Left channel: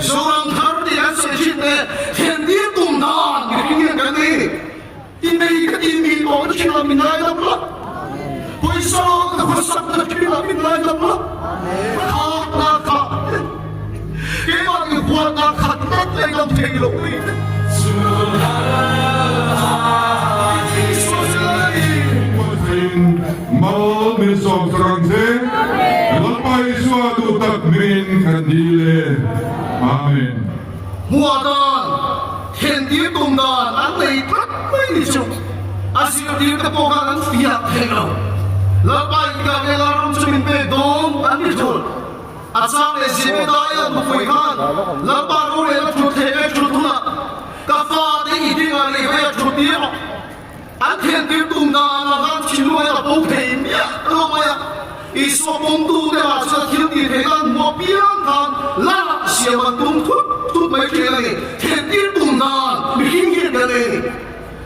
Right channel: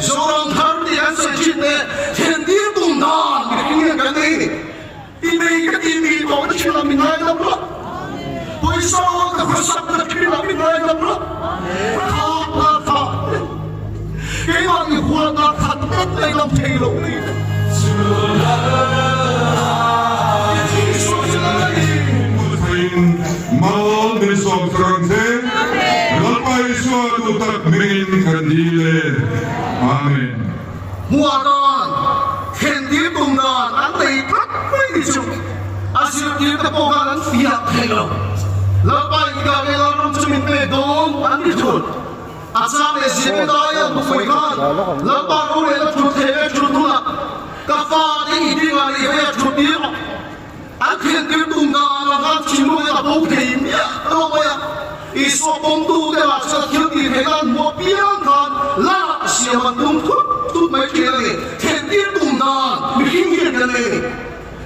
Zorang thar di an sai chit ne Thiên địa tung dan Cái này cái này Imi cái imi Ông ta chỉ là mình ai lắm đó Tôi sao Tôi sắp là chỉ là mình ai lắm đó Khát là khát Cái mà người buồn là khát Tất tay lòng thầy lòng đi Mal bersong serangse, lepai suatu takbirin kandile. Amin. Mùa đàn Thiên địa tung đàn Anh đầy thắt mấy chục Anh sẽ đi cái bộ phận anh phiạc thế nào Lớp bài gà này là rong cho mình về đông Anh đi thôi Anh sang này dễ cái đó là một phải khăn Lớp bài rô này là chút thế cái chút tung ạ Cà phá thì ý đi gà này về chút tiếng Anh thiên địa tung đàn là anh chỉ nuôi là bố thầy miệng đâu vậy ý số bông tu đây là sẽ thiên địa thế gan mua biếng thằng là sẽ mà tung thúc thúc mấy kia này thiên địa tung đàn bị kinh nghiệm cái này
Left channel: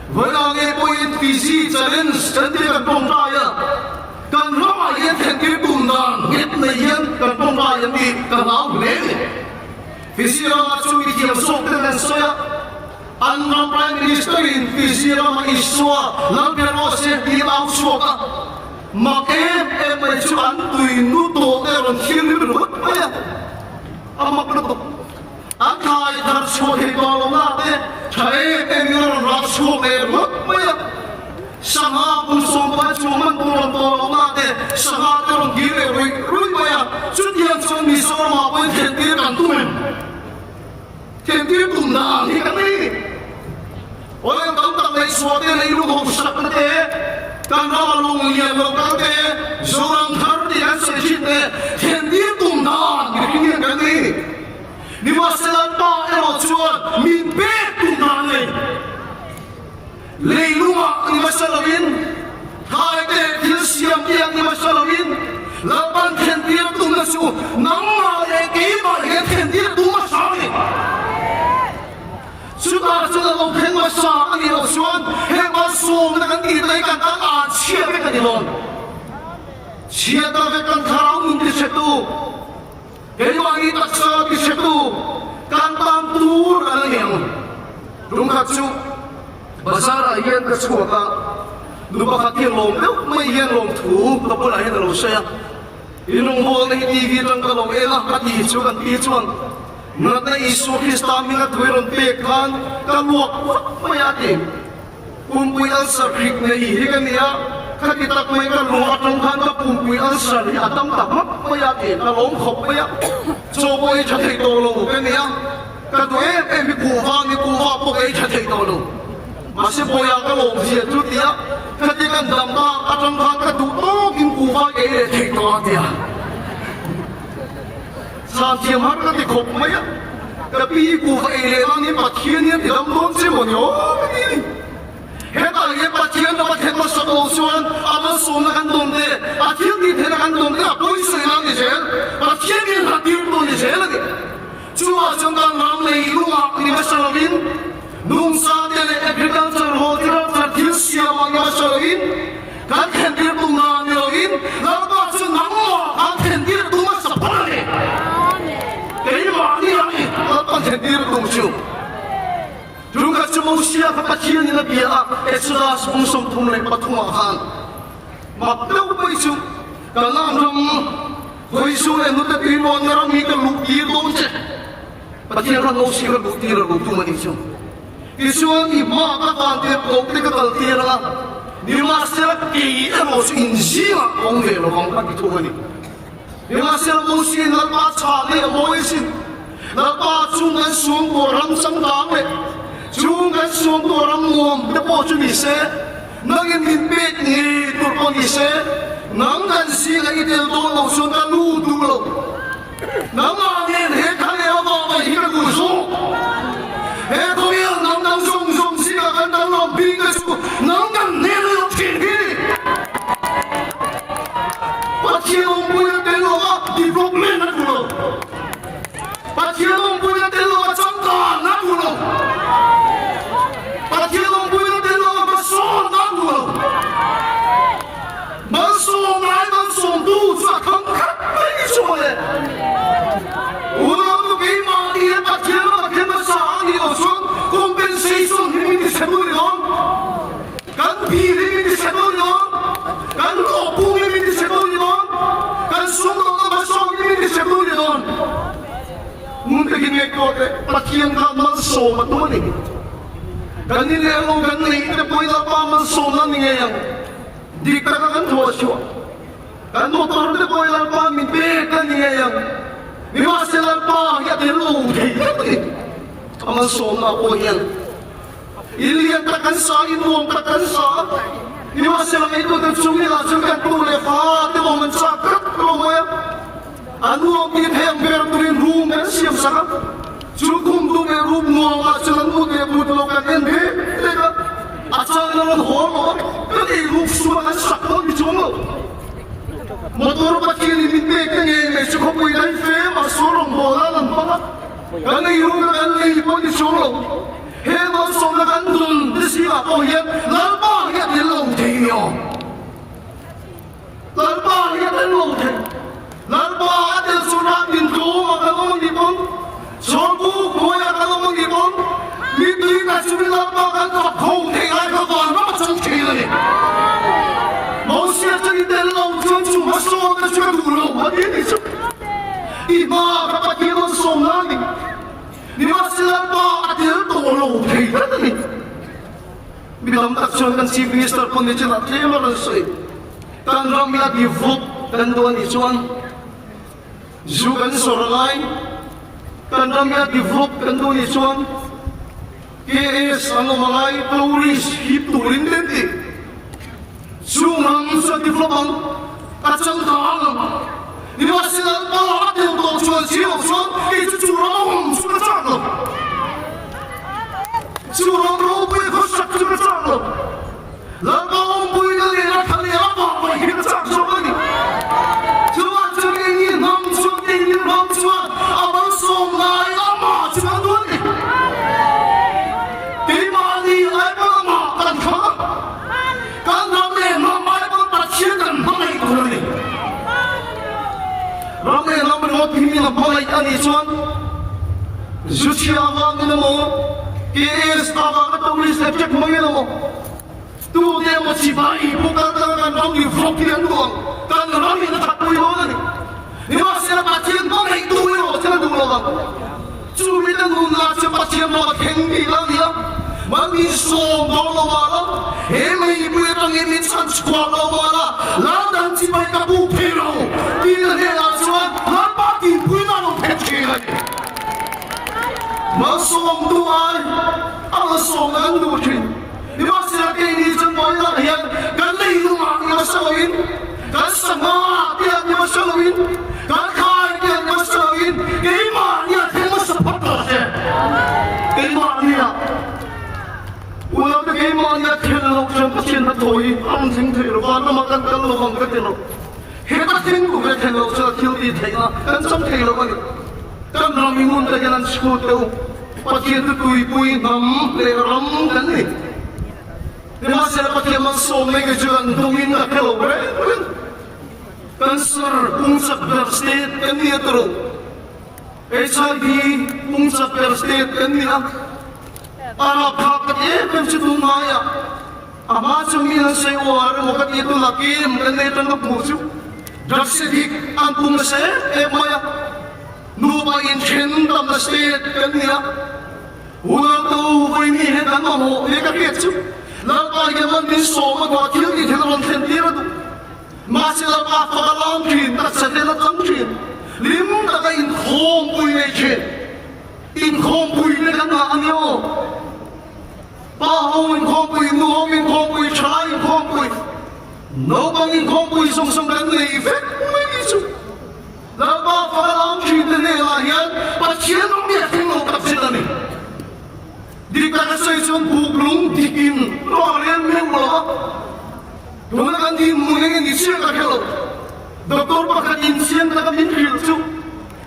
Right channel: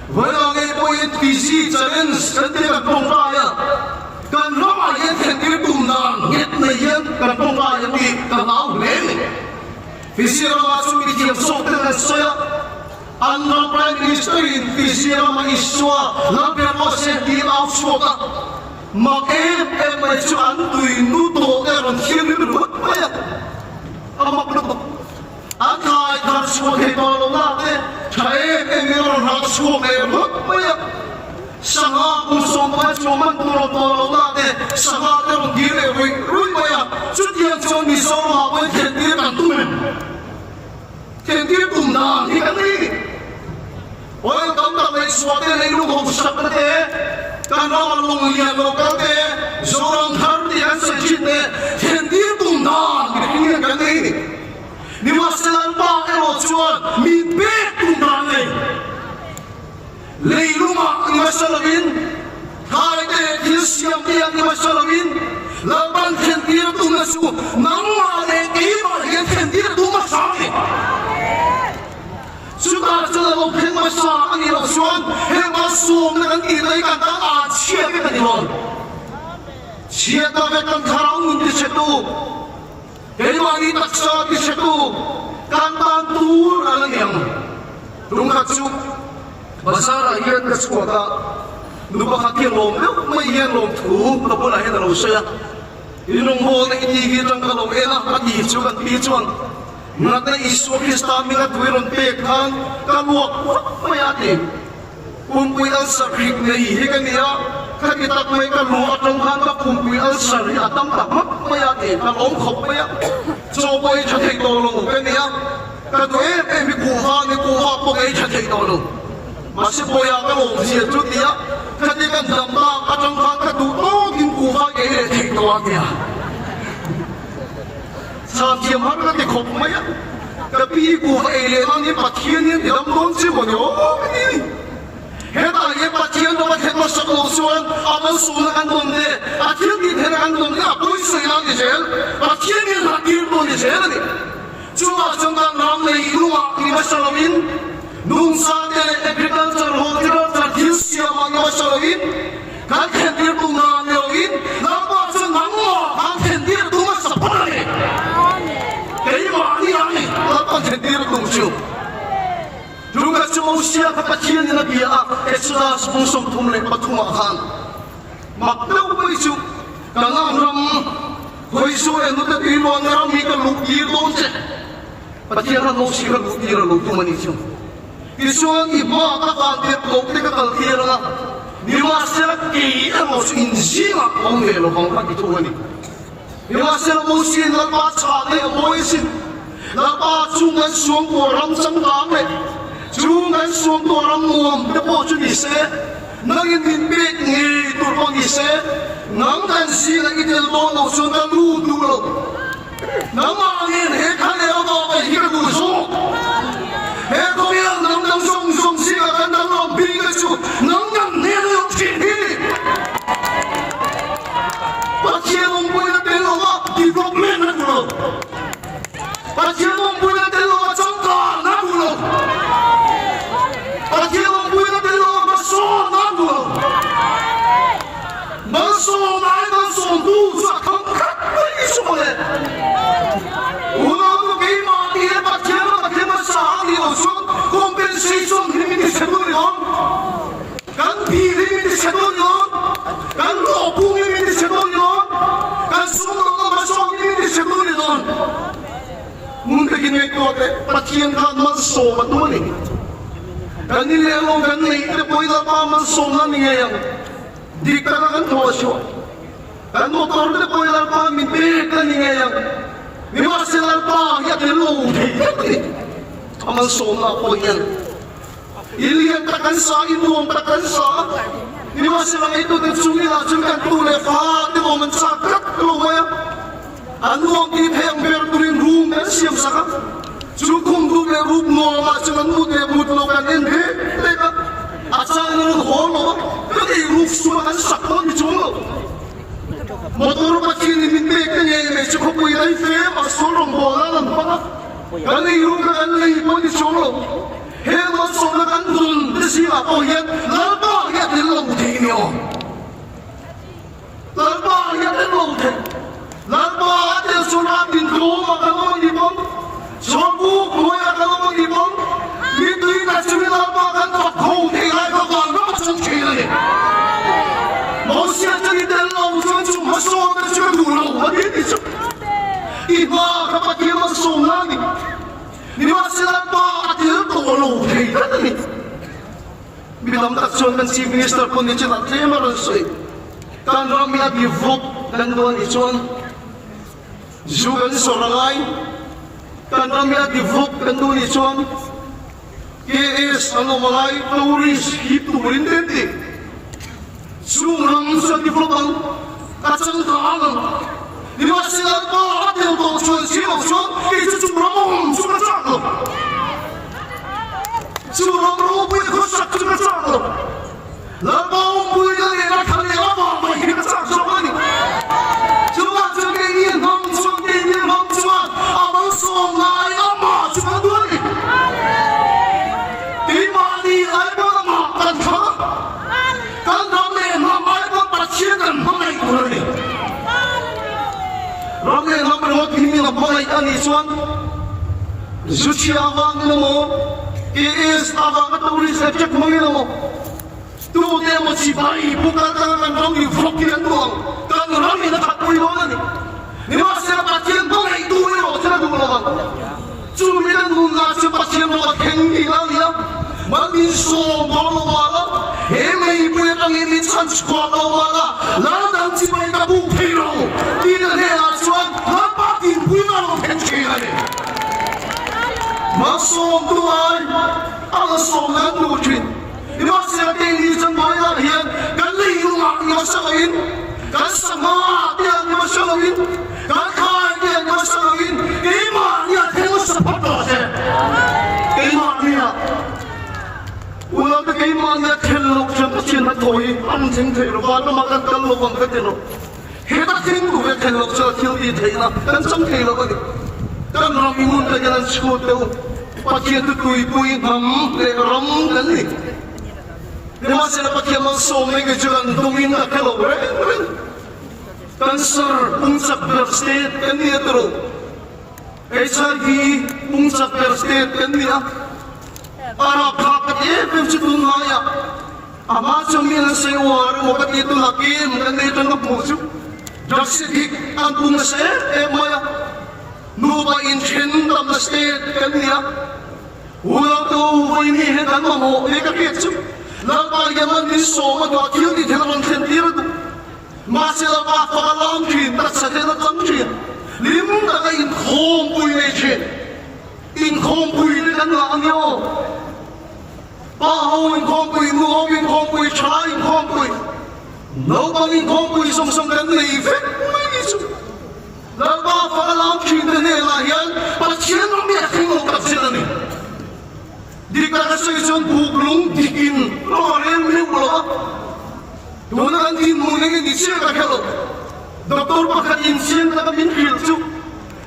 với anh ấy bôi tí gì cho nên sân thế cần bông ra ya cần nó mà liên thiên địa tung đàn nhất là yên cần bông ra yang đi cần áo lễ vì gì mà chúng mình thiếu số cái này sao anh làm prime minister vì gì mà Isua làm việc ở sẽ đi áo số cả mà em mà chú anh tùy nút tổ cái rồi khiêng đi được vậy ông mặc được anh thay thật xuống thì có là thế thấy em nhớ nó xuống em mất vậy sang hạ cũng xuống mà chú mình cũng làm to là thế sang hạ cái đồng kia này rồi vậy chút hiện cho mình số mà với thiên địa cảnh tu thiên địa tùng đàn thì cái gì ôi tấm tấm này xuống đây này lúc không sắp thế Kan ra lung lian lo kan te zorang thar di an sai chit ne Thiên địa tung đàn Cái này cái này Ni mà sẽ làm ba cái họ chuan Mình biết tung đàn này Lấy lung ạ Ni mà sẽ làm in Hai tệ thiên siam tiang Ni mà sẽ làm in Làm ban thiên địa tung đàn su Nắng mà này ký mà hiện thiên địa tung đàn sáng này chúng ta sẽ là một thế mà sao anh hiểu xuân thế mà xuống là cái gì đấy cả ta chia với cái gì không chia ta với cái thằng mình đi chơi tu cái mà đi bắt sao đi chơi tu can tan tu là niệm đúng không chú bây giờ là hiện cái số ta đúng không phát hiện lồng đâu mấy hiện lồng thủ đâu có là hiện lồng xe lồng hồ này đi đi trong cái lồng em bắt đi chú cái đi chú Nga ta Isu Krista minga tuwirong pekan kaluak mayatin kumpuyan sa prik na ihigan niya kakitak may kaluak ng hanga kumpuyan sa riyatang tamak mayatin kalong kop maya so ay jatay tolong ka niya kaduwe mi kuha ni kuha po ay jatay tolong masipoya ka lo siya tut niya katikan damba katang hanga tutog yung kuha ay jatay tolong niya sa tiang harga di kop maya tapi ku ailean ni pathian ni dam don se bono ni heta ye pathian no pathian so ko suan aman suan kan don de pathian ni thera kan don de apoi se yang ni sel pathian ni na dir don ni sel ni cuma jangkang nam nei ruwa ni masalin nung sa de agriculture horticulture disya ni masalin kan khendir bung na nyoin na ko chu nang mo kan khendir bung ma sa pa ni thiên địa cùng chịu chúng ta chúng sẽ phải bắt thiên địa bia cái sự là sự sống thôn này bắt thua hàng mà đâu bây giờ cả năm năm hồi xưa em lúc đấy mọi người làm gì cái lục địa đông chết bắt thiên là lục xí là lục địa là lục mà đi chứ cái số thì mà các bạn tiếp tục cái đầu tiên là nhưng mà sẽ kỳ em một sự in gì mà ông về nó không phải thôi đi nhưng mà sẽ một sự là bắt chọn này mỗi sự là ba chúng ta xuống của răng sông đắng này chúng ta xuống của răng nguồn để bỏ cho đi xe nâng in biết nghề tụ bỏ đi xe nâng thành xí là ít tiền bông đầu xuống ta lưu tụ lộ nâng mà nên hết khăn leo vào và hít cái bụi xuống hết có nghĩa nâng nâng dùng xí là khăn nâng lòng bi cái chú nâng nâng nên lục chuyện đi bắt chiều ông bùi lên đến lộ thì không lên nó lộ Pada tiang punya telo macam nak bulan. Pada tiang punya telo macam nak bulan. Masuk mai masuk tu, suat kangkat beri suat le. Ulang tu bima dia kinh ngày cô thế bắt thiên gan mang số mà tuôn đi cái này là ông cái này cái bôi là ba mang số mà như vậy đi cái cái thua số cái nó tao cái bôi là ba mình biết cái như vậy你话是那把一点路皮，他们说那不一样，一连打干啥，一弄打干啥。你话是那一个的主要就跟多来发的我们咋个弄呀？啊，我比偏偏不能入门先啥？就空中的入门啊，这个路的路都干点皮那个，啊，这个活路，那个入说的啥都没中了。motor bakil hindi kanya may suko ko ilay fame ang surong bola ng mga kanay yung kanay pa ni suko hema suko kandun siya ko yan lalpa yan nilong tinyo lalpa yan nilong tinyo lalpa yan suratin ko ang kalawang libon sopo ko ang kalawang libon dito yung nagsimi lalpa kanta kung kaya ka ba ang matang kailan eh mau siya jang italong cuma soal cuma dulu lagi ni cuma iba dapat kita soal ni masih apa dia tolong ni bilang tak soal si minister pun dia cakap terima kasih kan ramai develop dan bukan icuan juga soal kan ramai develop dan bukan icuan KS anu malai Pauris itu rindenti Surang sa diploman at sang kaangan. Niwasilan pa at yung tongsuan siya sa ituturang sumasano. Surang roboy ko sa sumasano. Labang buhay na nila kanila pa mahirap sa sumasano. Sumasagingin ng sundin ng suwan abang sumay ang mga sumaduan. Di mani ay mga matangkang. Ramai ramai ini nak balai ani suan, suci awal ni mo, is awal kata uli sejak mengi mo, tu dia masih bayi bukan tangan ramai flopian doang, tangan ramai nak apa yang ni, ni masih apa yang balai tu yang macam tu lah, curi dan guna cepat yang buat kendi lah dia, mandi suam bawa bawa, ini berang ini chance kuat bawa, ladang cipai kapu piro, dia ni Masuk Tuhan, Allah soalan mungkin. Di masa ini semua yang kan lelumang masalin, kan semangat yang masalin, kan kaya yang masalin, imannya terus sepatutnya. Imannya, ulang imannya terus sepatutnya toy, anjing terus baru makan telur ketemu. Hebat tinggu ketemu sekian di Thailand, kan sampai lagi. Kan ramai orang jalan sekolah tu, pakai tu kui ram kan ni. Masa pakai masuk lagi jalan domin nak kau beren. Cancer unsap berstate kan ni tu. HIV unsap berstate kan ni. Arab kapat pun cuma ya. Abah cumi sewa, orang itu lagi kan ni tu nak musuh. Bersedik antum saya maya. Nuba in chen tam state kan niya ulang tau ba ini hedan mo ne ka ketsu la ba yaman ni so ma kiyo ni thilon chen tira tu ma sila pa pa lam thin ta sa de la tam thin lim ta ka in khom pui nei chen in khom pui ne kan ma anyo pa ho in khom pui nu ho in khom pui cha in khom pui no bang in khom pui song song kan nei fe mai ni su Lama falam kita ni lahian, pasien ramai tengok kat sini ni. Di kana season buklung dikin, lorem lewat. Dona kan di mungkin di sini tak kalau. Doktor bahkan insian tak minhil tu.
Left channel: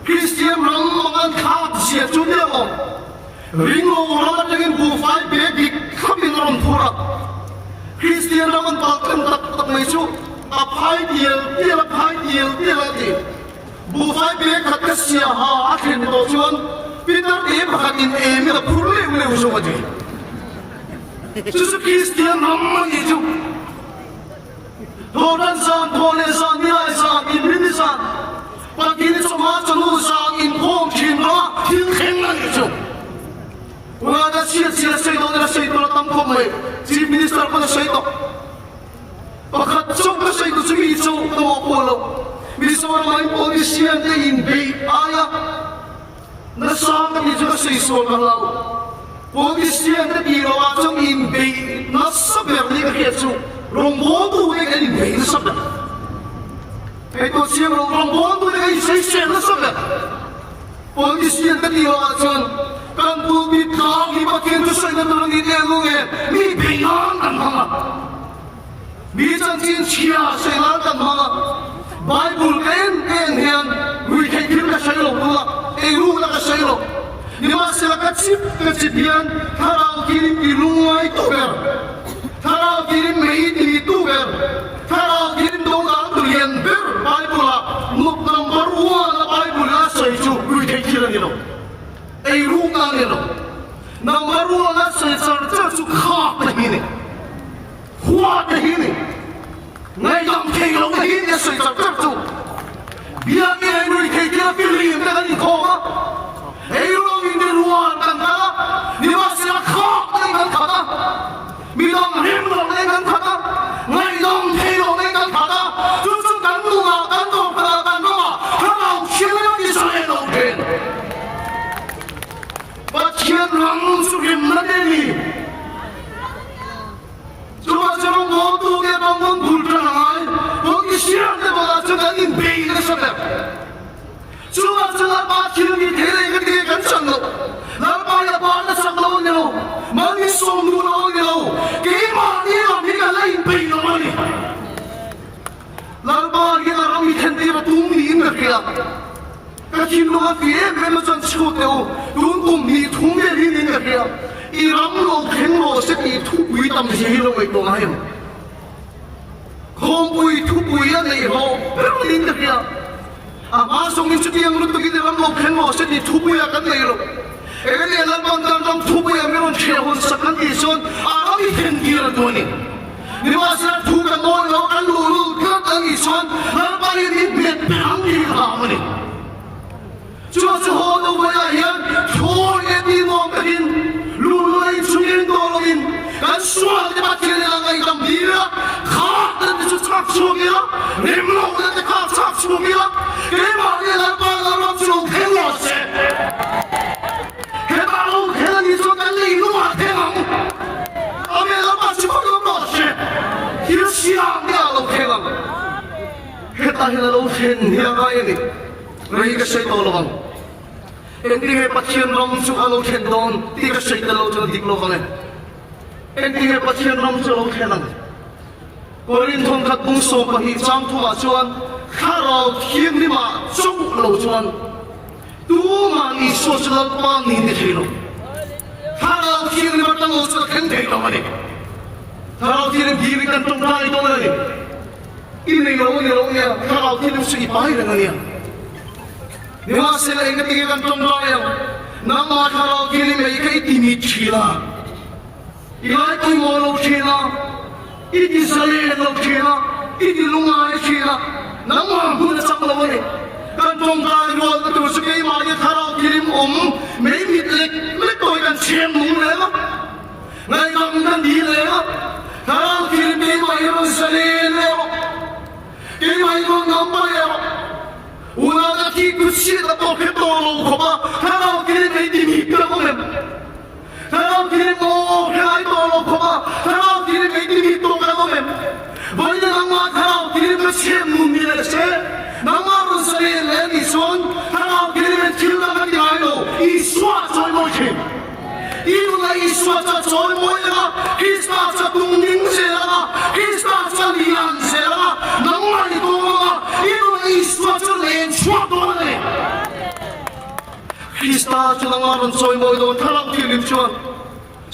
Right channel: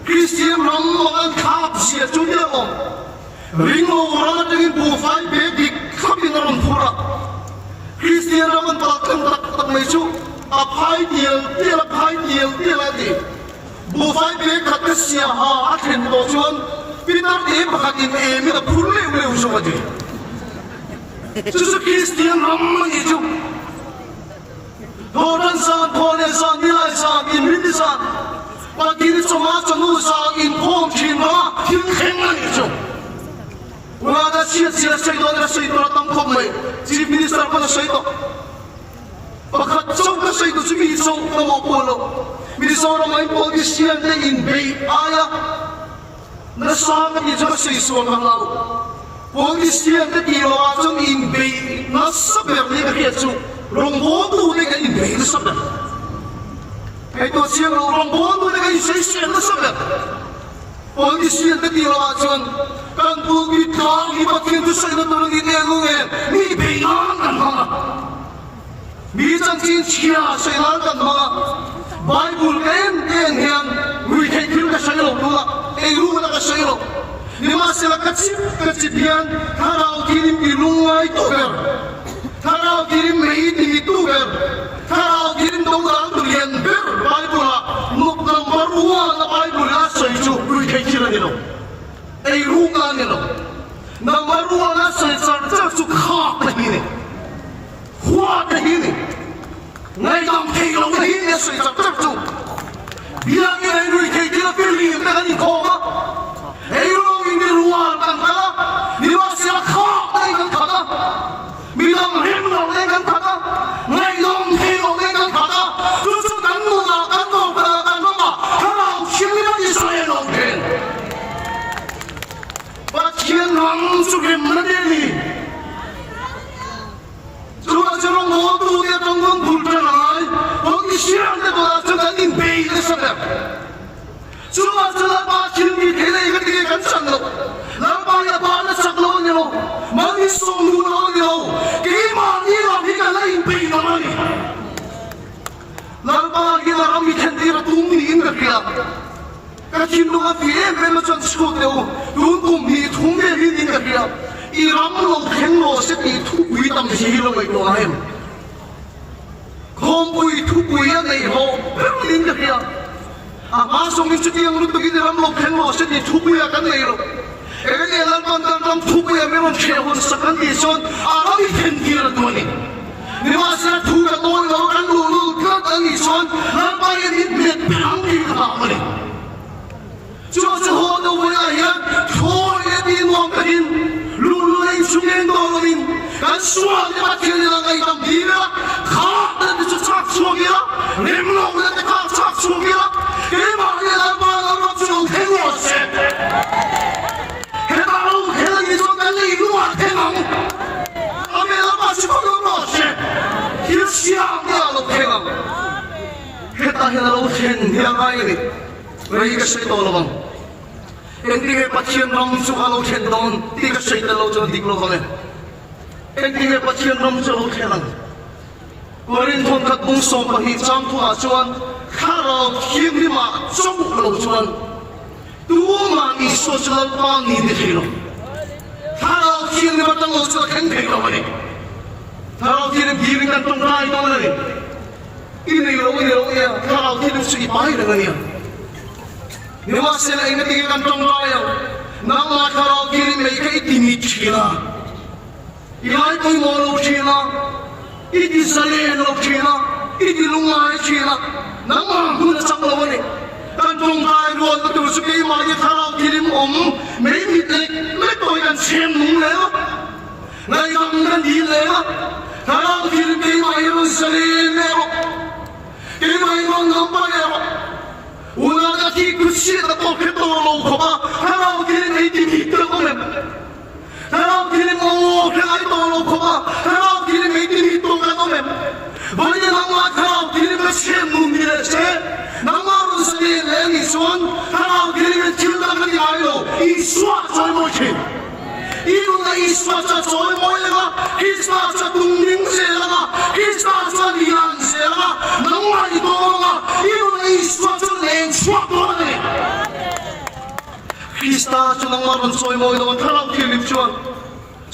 Christian ramai kap sia tu dia om. Ringo orang dengan bufai begi kami orang pura. Christian ramai tak lesu. Apai dia lagi. Bufai beg kat siapa akhir dosuan, Peter dia berhati ini dah pulih usul aja. Susu Kristian ramai itu, orang saat boleh saat nilai saat ini saat, pagi ini semua semua saat ini pun cina, hilangkan Chief Minister ko sa ito. Pagkatsok ka sa ito, sumiso ka mo polo. Minisoro nga yung polisiyan na inbay ayak. Nasama ni Diyos sa iso ng law. Polisiyan na kirawasong inbay na saber ni Kakietso. Rombodo na ka inbay na saber. Ito siya rombodo na ka isa na saber. Polisiyan na kirawasong kan pulpitang ibakin sa ito ng nilelungan. Ni bayan ang mga. Minsan siya sa ilang ang mga Bible and yan, we can kill ka sa'yo, na ka sa'yo. Niwa sila katsip yan, taraw kilim ilungay tuber. Taraw kilim maitin ni tuber. Taraw kilim daw lang lianber. Bible ha, number 1 na Bible ha sa ito, we can kill nila. Ay runga nila. Number 1 na sa ito, kahit na hini. Huwag na hini. Ngayon kayo na hini sa ito. Biar kita kita pilih dengan ikoma. Ayuh ini luar tanda. Niwasya kau dengan kata. Bilang remlo dengan kata. Ngayon kayo dengan kata. Justru tanu tanu pada mama. Harang kira di sana longken. Bagian langsung menjadi. Cuma waktu dia bangun bulterai, waktu siang dia belajar dengan bayi tersebut. Cuma bagian di dalam dia kan sana, lalu dia balik sana ni lo, manis song dulu ni lo, gimana dia kan lain bayi orang ni. Lalu dia orang mikir dia tunggu ni mereka. Kaki lu dia macam sekolah tu, tunggu ni mereka. Iram lo kenlo seti tu buitam sihiro itu ahem. Kompui tu buian lagi ho, berlin dia. Masuk itu yang lu begini iram lo kenlo seti tu buian kan lagi lo. Ini dalam bantaran tu buian memang cewek sekarang dison, orang ikan dia tu ni. Niwasnya tu kan lo kan lu kan dison, apa ini betul ni kamu ni. Cuma sehoda buian yang cowok ini mungkin. Dan suara mati lagi dalam diri, kata itu cakap suaminya, remlong itu cakap suaminya, gimana dalam orang suruh tengok sih, kita lalu kita itu kan lagi luar tengok, kami lepas itu luar sih, kita siang lalu tengok, kita lalu tengok ini, mereka saya tolong, ini pasien langsung lalu tengok, tiga saya lalu tengok ni. Endingnya pasien romso kelan. Korin tongkat bungso pahijam tua cuan, kalau kiam lima cukup kalau cuan, dua mani sosial pani dihilo. Kalau kiam lima tanggal cuan kendai kamane. Kalau kiam giring dan tongkai kamane. Ini lo ya, kalau kiam suci pakai dengan dia. Niwas sila ingat tiga kantong ya. Nama kalau kiam mereka itu nichila. Yaki moro chena, iti saleno chena, iti lungai chena, nama guna sama mana? Kantong bayi luar tu sukai magi tharau kirim maybe lekoi kan chen mulai, ngai kamdan dilai, tharau kirim kemai orang saleno, kemai orang nampak ya, ulah lagi kursi atau ketoro kopa, tharau kirim iti kita komen. Harap kirim kelai tolong kopa, harap kirim ini tolong komen. Boleh nama harap kirim macam mungkin sih. Nama rusalin lain isuan, harap kirim cinta mati ayo, isuan soal macam. Itu lah isuan soal macam, isuan soal kuning sela, isuan soal liang sela, nama itu lah, itu lah isuan soal lain suat orang. Krista jangan soal macam kalau kirim cuan.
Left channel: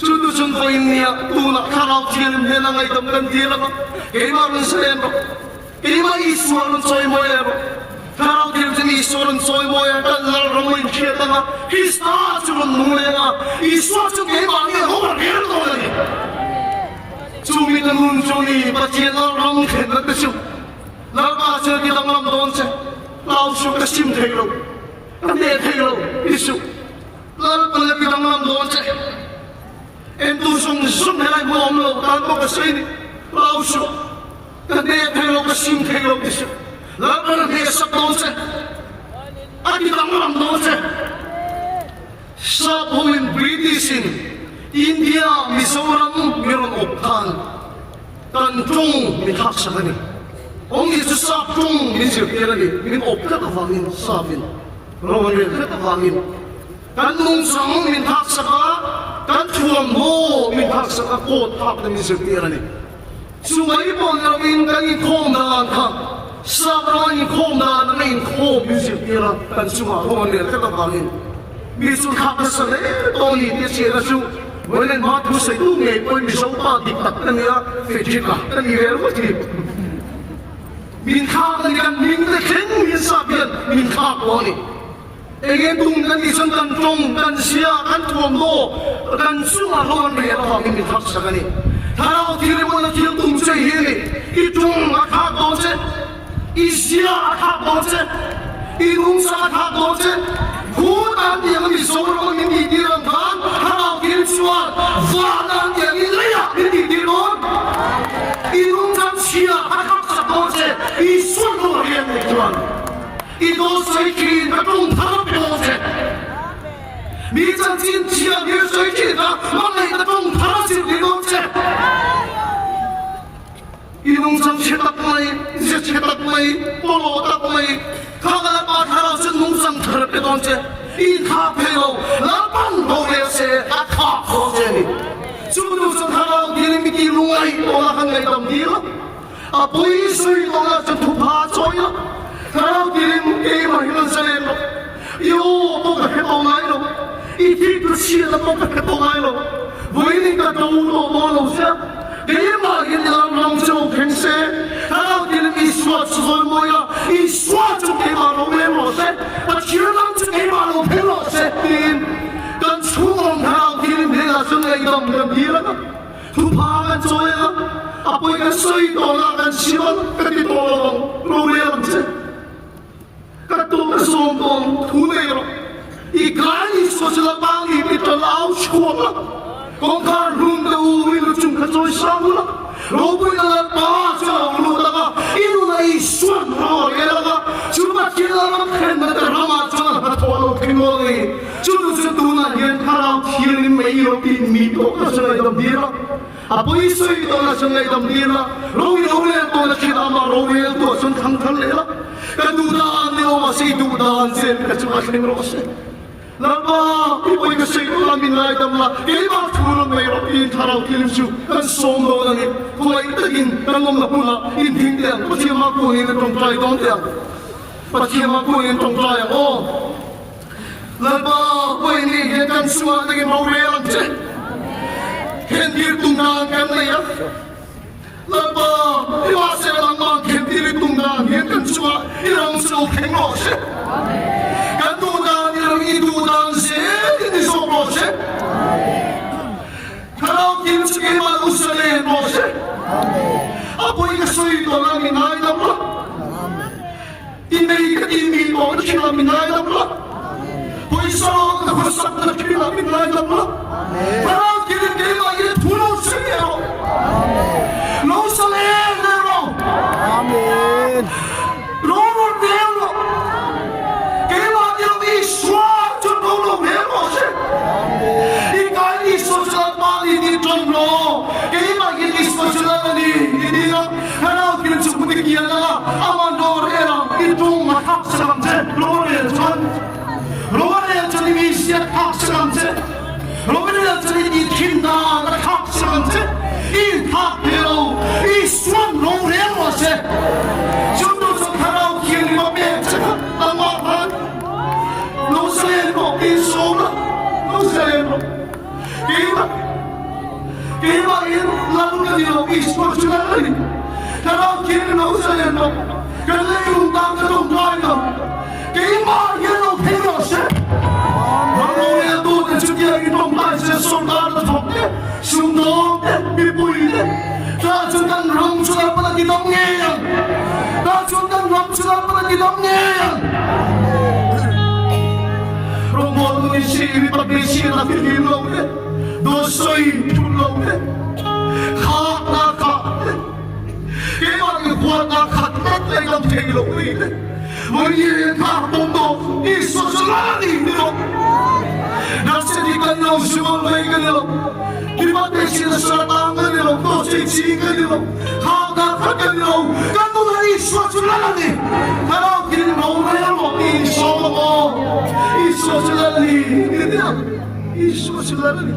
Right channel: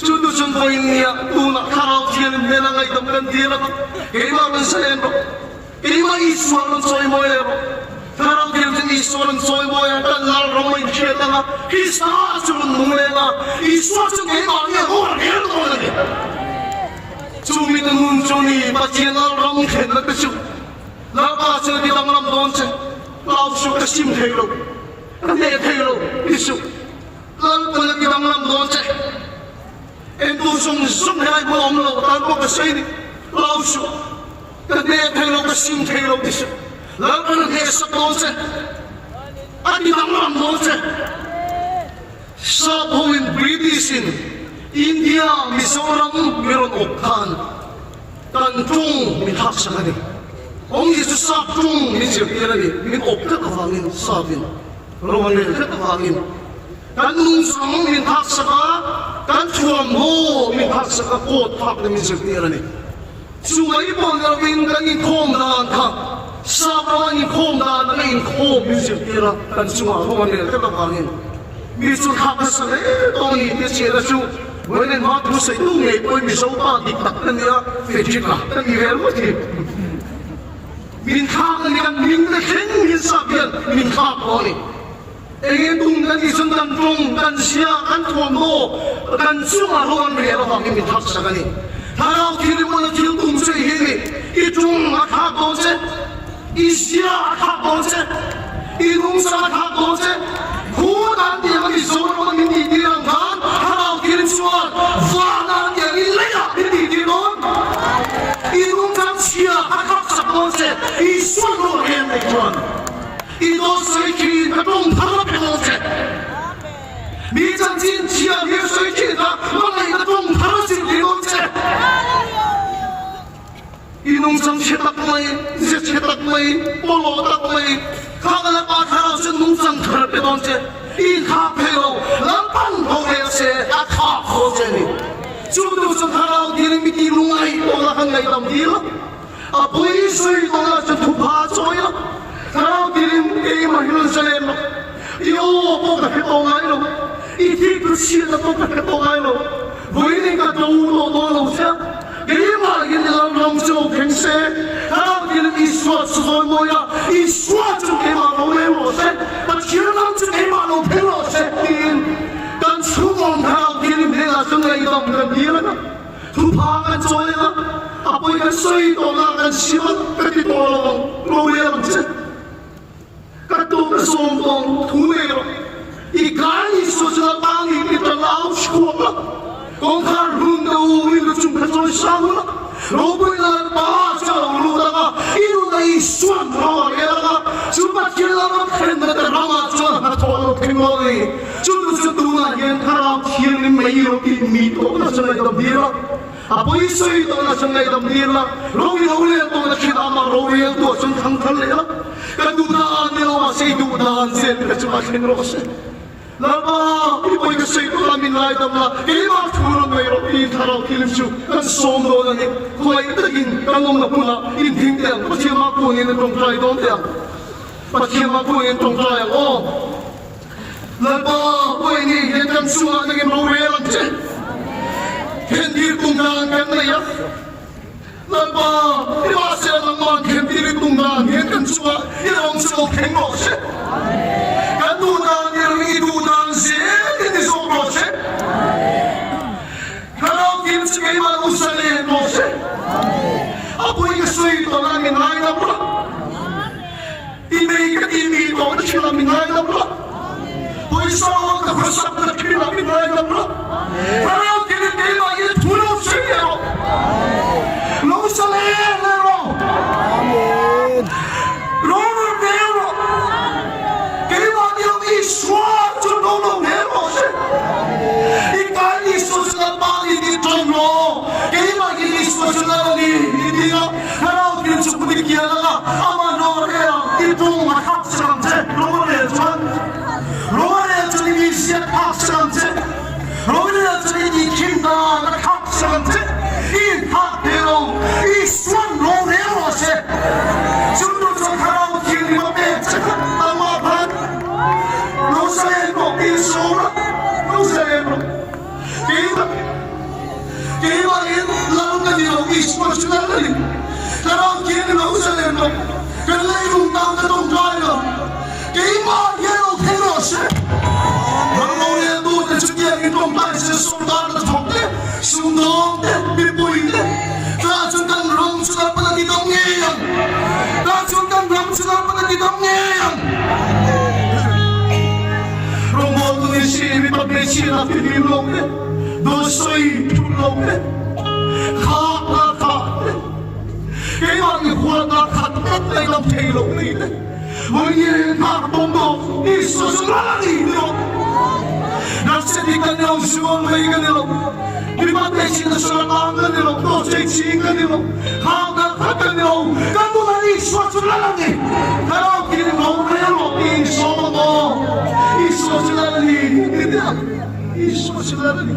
Cutu contoh ini ya, tuh kalau kirim helang item kan dia, gimana selain gimana isuan soal macam, kalau kirim isuan soal macam kan lalu ramai kita lah, Krista cuma mulai lah, isuan cuma gimana orang yang orang ni, cuma itu muncul ni, baca lalu ramai kita tu, lalu baca kita malam donce, lalu suka sim thelo, ane thelo isu, lalu kita malam donce. Entu sung sung hai bom 老说，但那配了个心配了的是，那个也是高深，啊，你当然高深。Sa buong Britishin, India, Mizoram, meron ukhan. Tantung mithak sa kani. Ang isa sa tung nisipira ni, min ukha kawangin sabin. Roman rin kawangin. Tanung sa mong mithak sa ka, tantuan mo mithak sa ka, kotak na nisipira ni. Sumali po ang narawin ka ni Kondaan ka. Sa ka ni Kondaan na ngayon ko nisipira. Tansuan rin kawangin. Misun kapasal Tony Tiara Su when Mark was a two late when Misopa dictatania Fejika and Yeroti Min Kagan Min the King is up here Min Kaponi again Dungan is on Tung Bansia and Tomo and Suma Lon Real in the Tapsani How Kiriman Tung say here Itung Makabonse Isia Kabonse Inunsa Kabonse Who are the only sort of Indian God? How can it swat? Vana, the Ilaya, Indian Idungan Shia, Hakapsapose, is so no hand like one. It also a kid, but don't come up. Meets and Chia, here's a kid, one like the don't pass it, they don't say. Idungan Shipaklay, Zichipaklay, Polo, Kagapa Karas and Musan Karpedonce, in Capeo, Lapan Bodese, a cop for Jenny. Sudus and Harald Gilimiki Rumai, or Lakan Deal, a police to pass oil, Harald Gilim, Ema Hilasalem, Yo, Pocato, if he could see the Pocato, Boiling a door, one of them. Ema in the Lamso Prince, Harald Gilim is what's one moya, is what to came out of Lemo said, but you're not to came out of Pillow set in. Don't show on Harald Gilim Hillas and lay down the beer. To Park and Soil, a boy can say, Donna and Shiva, but it all along, Roland. Kato Songo, Tuneo, he can't use the body with an outscore. Kongkar Hunda Wilson Katusana, Robina Basa, Rudaga, Inuna is one power, Subakila, and the Ramazan, Atolo Timoli, Chulutuna, and Haram, Hilim, Mayo, Meat, or the Side of Dira, a police on the Side of Dira, Romeo, or the Kirama, Romeo, and Kankalia, Kaduna, say to dance, and Kachua. Lama, people can say, I'm in light of that. Give up to my own Carol kills you, and so no than it. Who I again, Pelona, in Tingan, but you are going in from Dry Donda. But you are going from Dry. Oh, Lama, when you get and so on again, more reality. Can you do that, family? Lama, if I said I'm not, can you do that? You can so on, you don't so hang on. Idu danse ini sobrose. Kalau kimse kemal usale bose. Apo yang sui dolar minai dabla. Ini orang kira minai dabla. Poisau kerusak kira minai dabla. Kalau kira lagi pulau sendiri. Lo sale nero. Amin. Lo nero. Kira dia suat tu dulu nero. Ikan sosial bali di Tomo, kaya magiging sosial ni dia. Kalau kita seperti kiana, amanor era itu makap seramje, Lore jadi misiat kap seramje, Lore jadi kinda makap seramje. Ini hak dia, ini suam Lore mose. Jodoh sekarang kiri mabek, amaran, Loselo isora, Loselo. Kaya lalo na nila ispasyonali. Pero kaya nila usaleno. Kaya yung tanga ng tayo. Kaya yellow pillows. Nang yan doon na siya itong base soldado na tople. Sundong bipuin. Kasundang ramsulan pa na kitang ngayon. Kasundang ramsulan pa na kitang ngayon. Robot ni siya ipag-nesya na pinilong. Dosoy tulong, haka, คนนักขัดรถในกองเทลงนี่วันนี้ข้าตรงตัวอิสุสุลานีนี่ลงนั่นสิ่งที่กันเราชัวร์ไม่กันเราวิบัติสิ่งที่สุดท้ายกันเราตัวเจ๊จีกันเราข้านักขัดกันเรากันตัวนั้นอิสุสุลานีถ้าเราคิดเราเรื่องเราอิสุสุลานีนี่เดียวอิสุสุลานี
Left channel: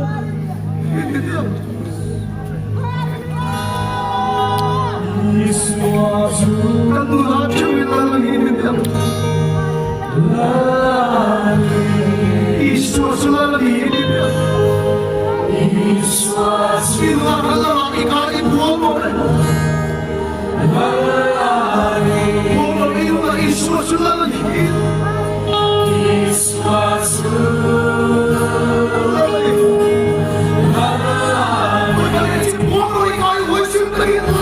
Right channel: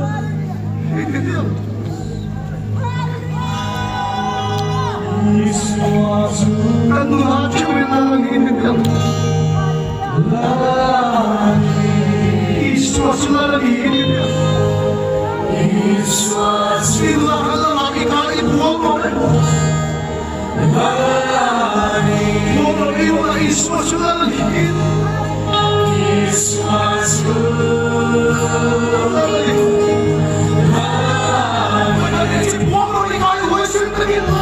นี่เดียวkan Tuhan curi lalu ini dia Yesus lagi ini dia Yesus ilah lagi kali bohong bohong ilah Yesus lagi Yesus bohong ilah Yesus lagi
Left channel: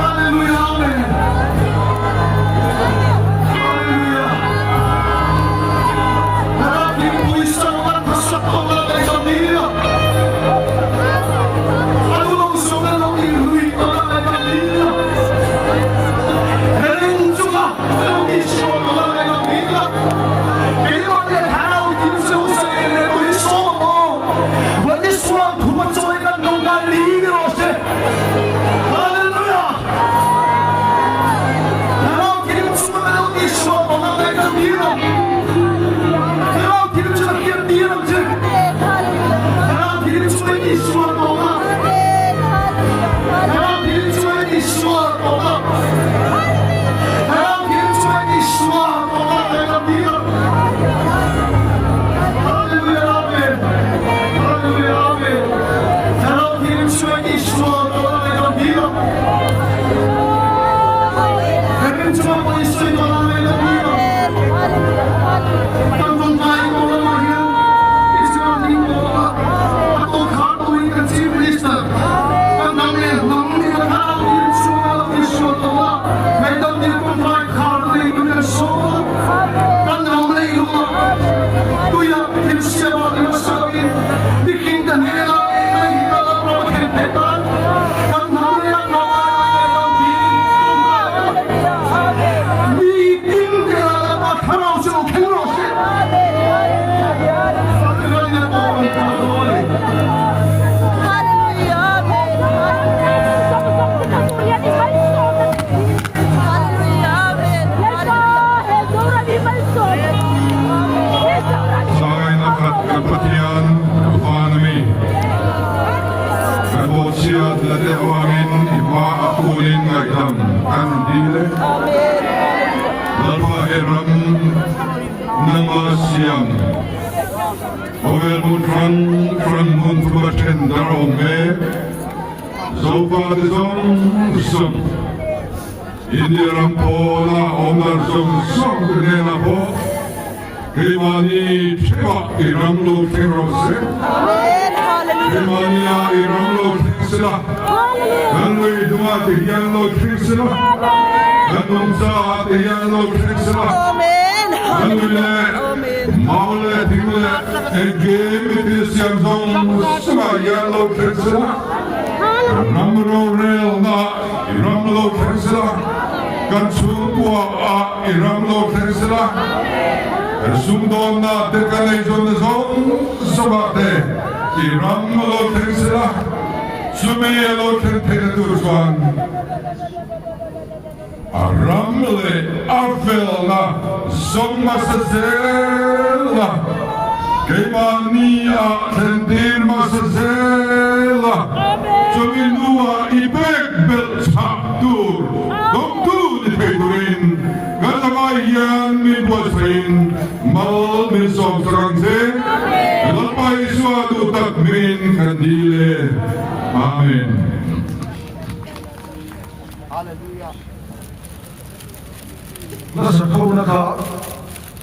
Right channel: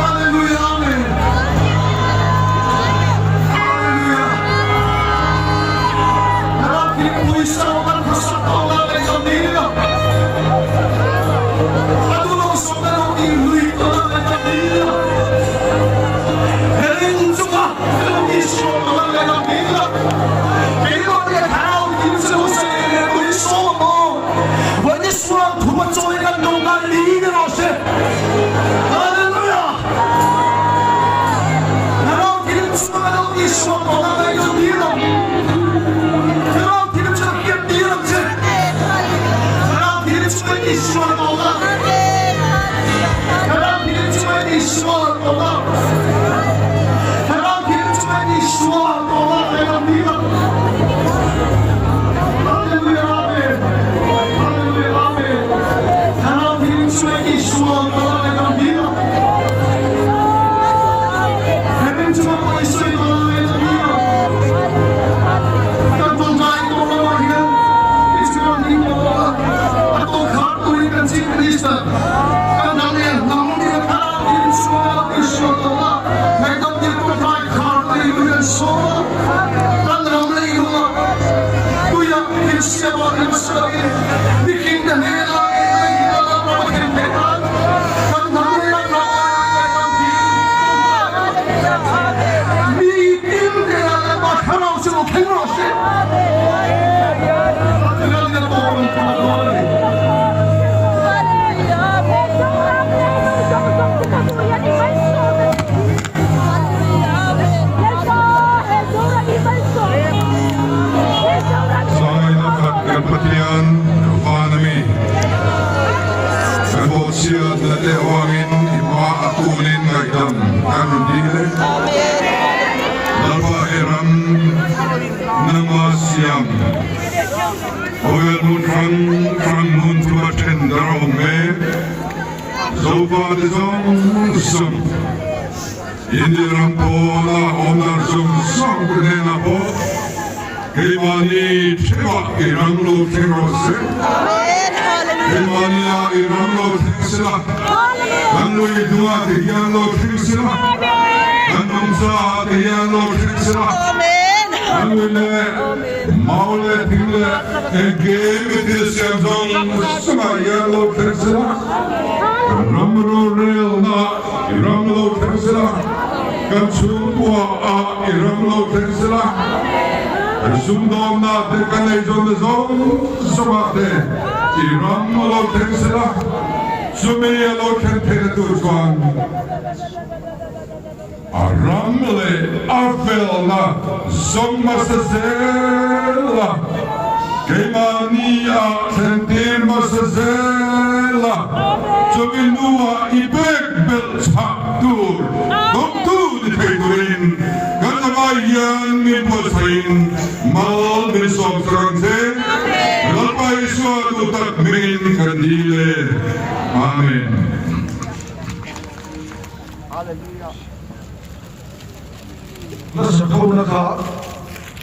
Hallelujah. kan soma kan ramai mo tu ya insya Allah masalahin bikin kan hela ay hela pro kan depan kan namanya pro bikin hela ma kharau sino kharau Keputihan economy. Kabut siya dadewangin iba akulin ngayam kandile. Lapa eram nama siyam. Oil mun from mun tubatin darong me. Zoba de zong. Indiram po na omar zong kena po. Kemani tewa iramlo terose. Kemani ya iramlo tersela. Kanwe dua tiyanlo tersela. Kanumsa tiyanlo tersela. Kanwe maule tingle egemi tisyanzong sama yanlo tersela. Ramro rel na iramlo tersela. Kanchubua iramlo tersela. Sumdom na dekanay zon sabate iram lo tersela sumiye lo tertuan aramle arfel na sommasazela kemania sentir masazela suminua ibek bel chaptur doktu ni tegurin Katabayan mi bosain mal minisong sarangse lalpay suatu takmirin kandile. Amen. Nasa kau naka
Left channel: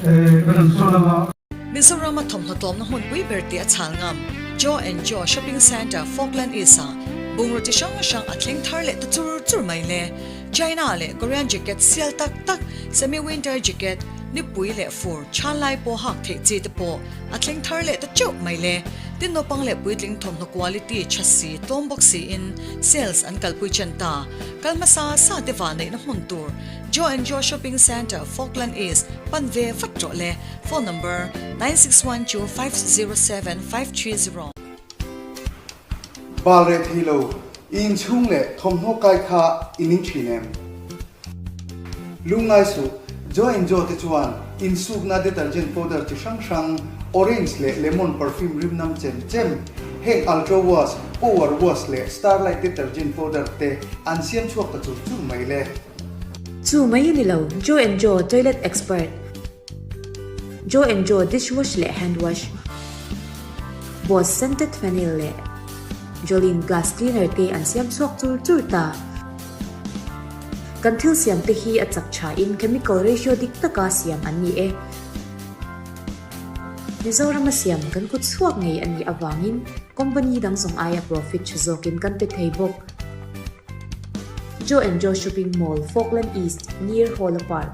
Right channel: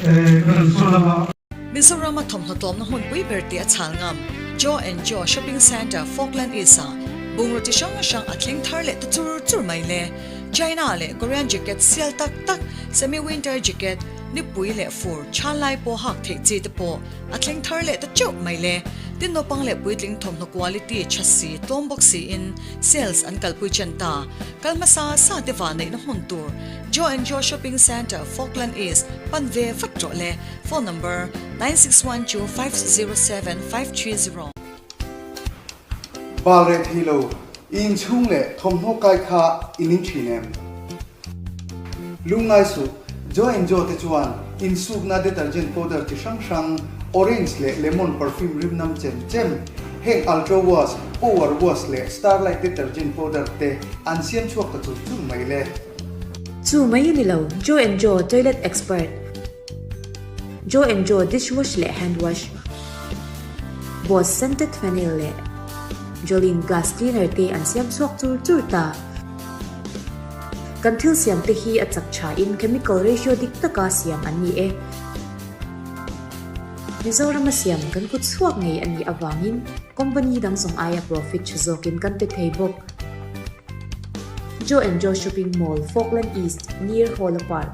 kanan sonama. Mizoram thomhnatom na hun pui berti a chalngam Joe and Joe Shopping Center Falkland Isa bungroti shang atling tharle tu chur mai le China le Korean jacket sial tak semi winter jacket ni pui le fur chalai po hak the chi te po atling tharle tu chuk mai le tin no pang le puitling thomna quality chassi tombok si in sales an kalpui chanta kalmasa sa dewa nei na huntur Joe and Joe Shopping Center Falkland East panve fatro le phone number 9612507530 Balret Hilo in Chungle Tom Hokai Ka in Chinem Lungai Su Joe and Joe Techuan in Sugna detergent powder to Shang orange le lemon perfume rimnam chem Heng ultra wash over wash le starlight detergent powder te ancient chuak ta chu mai le Chu mai ni lo Joe and Joe toilet expert Joe and Joe dishwash le hand wash Boss scented vanilla le Jolene gas cleaner te an siam chuak chur ta Kanthil siam te hi achak cha in chemical ratio dik taka siam an ni e Mizoram siam kan kut suak ngei ani awangin company dang song aya profit chuzokin kan te theibok Joe and Joe Shopping Mall Falkland East near Holo Park